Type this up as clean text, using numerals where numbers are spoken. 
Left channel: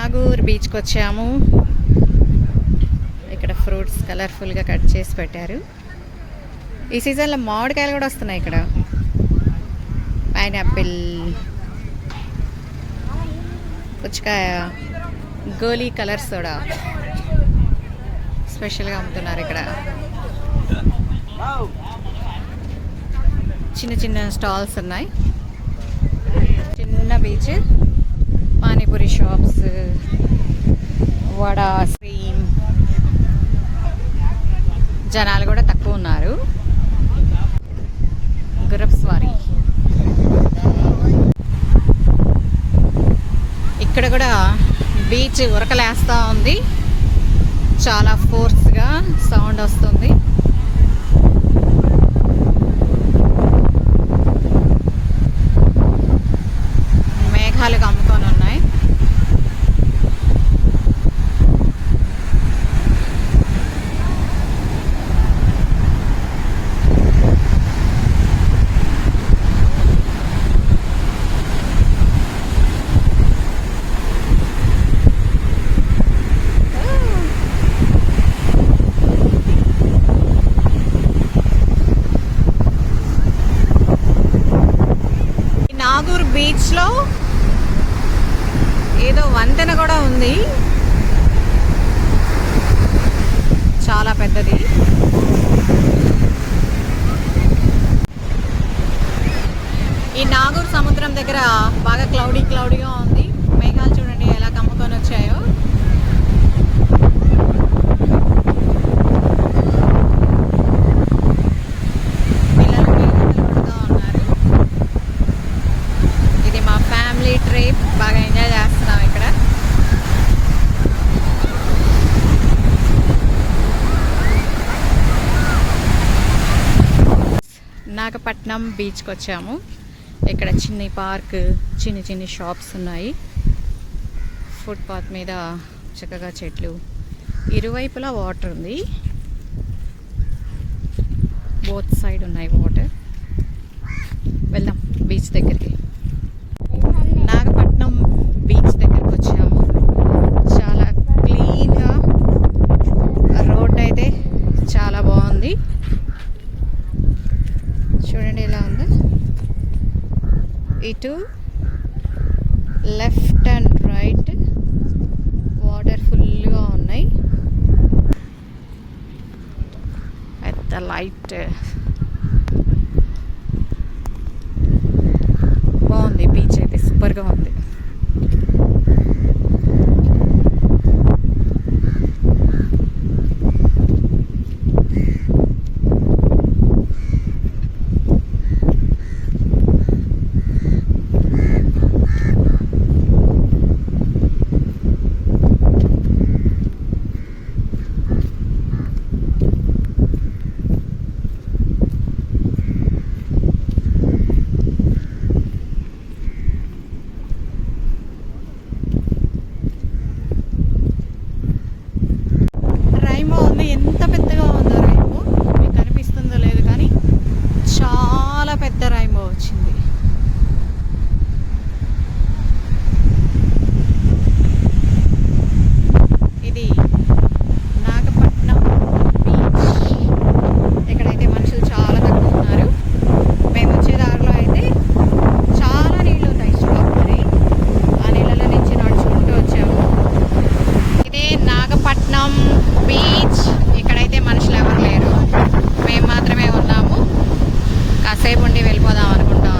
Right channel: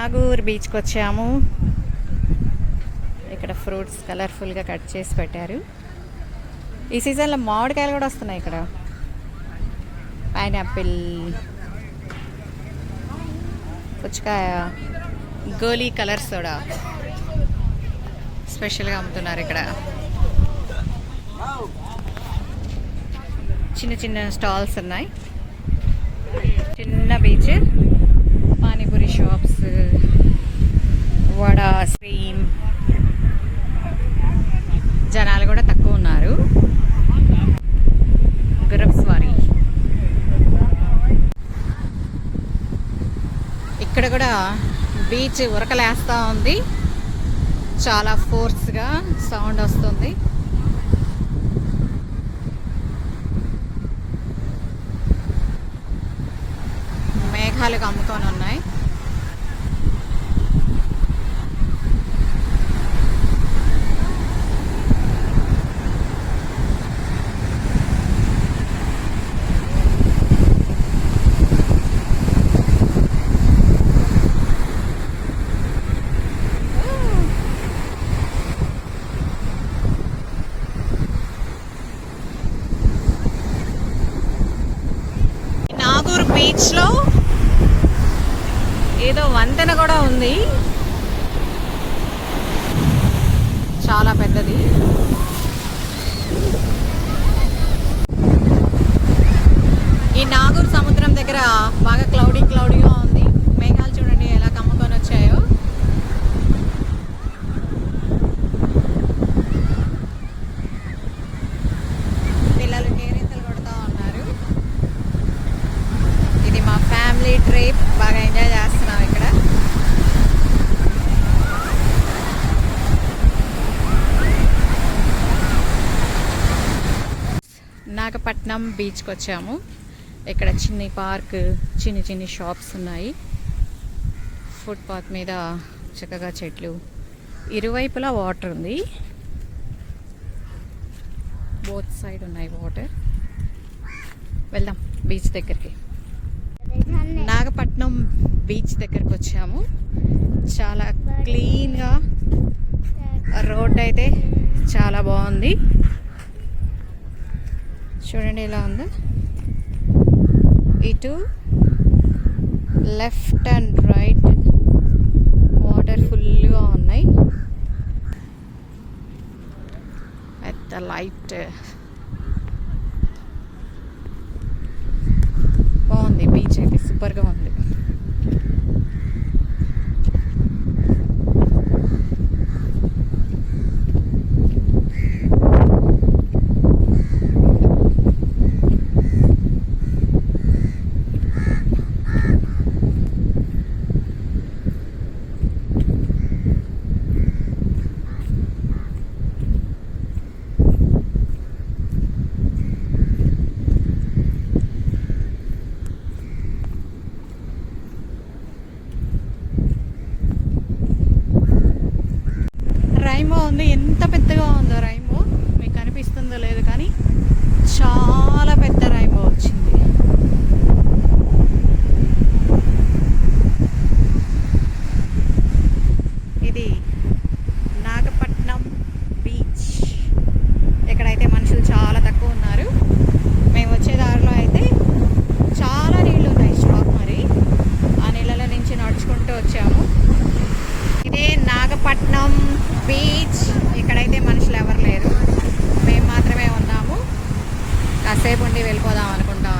నాగూర్ బీచ్కి వచ్చాము. ఇక్కడ ఫ్రూట్స్ కలర్ఫుల్గా కట్ చేసి పెట్టారు. ఈ సీజన్లో మామిడికాయలు కూడా వస్తున్నాయి. ఇక్కడ పైనాపిల్, పుచ్చకాయ, గోలీ కలర్ సోడా స్పెషల్గా అమ్ముతున్నారు. ఇక్కడ చిన్న చిన్న స్టాల్స్ ఉన్నాయి. చిన్న beach, panipuri shops, vada, cream. జనాలు కూడా తక్కువ ఉన్నారు. గుర్రపు స్వారీ. ఇక్కడ కూడా బీచ్ ఉరకలేస్తూ ఉంది. చాలా ఫోర్స్గా సౌండ్ వస్తుంది. మేఘాలు కమ్ముకొని ఉన్నాయి. నాగూర్ బీచ్లో ఏదో వంతెన కూడా ఉంది, చాలా పెద్దది. ఈ నాగూర్ సముద్రం దగ్గర బాగా క్లౌడీగా ఉంది. మేఘాలు చూడండి ఎలా కమ్ముకొని వచ్చాయో. పిల్లలు కేరింతలు కొడుతూ ఉన్నారు. ఇది మా ఫ్యామిలీ ట్రిప్. బాగా ఎంజాయ్ చేస్తున్నాం ఇక్కడ. నాగపట్నం బీచ్కి వచ్చాము. ఇక్కడ చిన్న పార్క్, చిన్న షాప్స్ ఉన్నాయి. ఫుట్పాత్ మీద చక్కగా చెట్లు, ఇరువైపులా వాటర్ ఉంది. బోత్ సైడ్ ఉన్నాయి వాటర్. వెళ్దాం బీచ్ దగ్గరికి. నాగపట్నం బీచ్ దగ్గరికి వచ్చాము. చాలా క్లీన్గా రోడ్ అయితే చాలా బాగుంది. చూడండి ఎలా ఉందో. ఇటు లెఫ్ట్ అండ్ రైట్ వాటర్ ఫుల్గా ఉన్నాయి. పెద్ద లైట్ బాగుంది. బీచ్ అయితే సూపర్గా ఉంది. రైమో ఉంది. ఎంత పెద్దగా ఉందో రైమో, మీకు కనిపిస్తుందో లేదు కానీ చాలా పెద్ద రైమో వచ్చింది. ఇది నాగపట్నం బీచ్. ఇక్కడైతే మనుషులు చాలా తక్కువ ఉన్నారు. మేము వచ్చే దారిలో అయితే చాలా నీళ్ళు ఉన్నాయి. స్టాప్ మరి ఆ నీళ్ళలో నుంచి నడుచుకుంటూ వచ్చాము. ఇదే నాగపట్నం బీచ్. ఇక్కడైతే మనుషులు ఎవరు లేరు, మేము మాత్రమే ఉన్నాము. కాసేపు ఉండి వెళ్ళిపోదాం అనుకుంటాం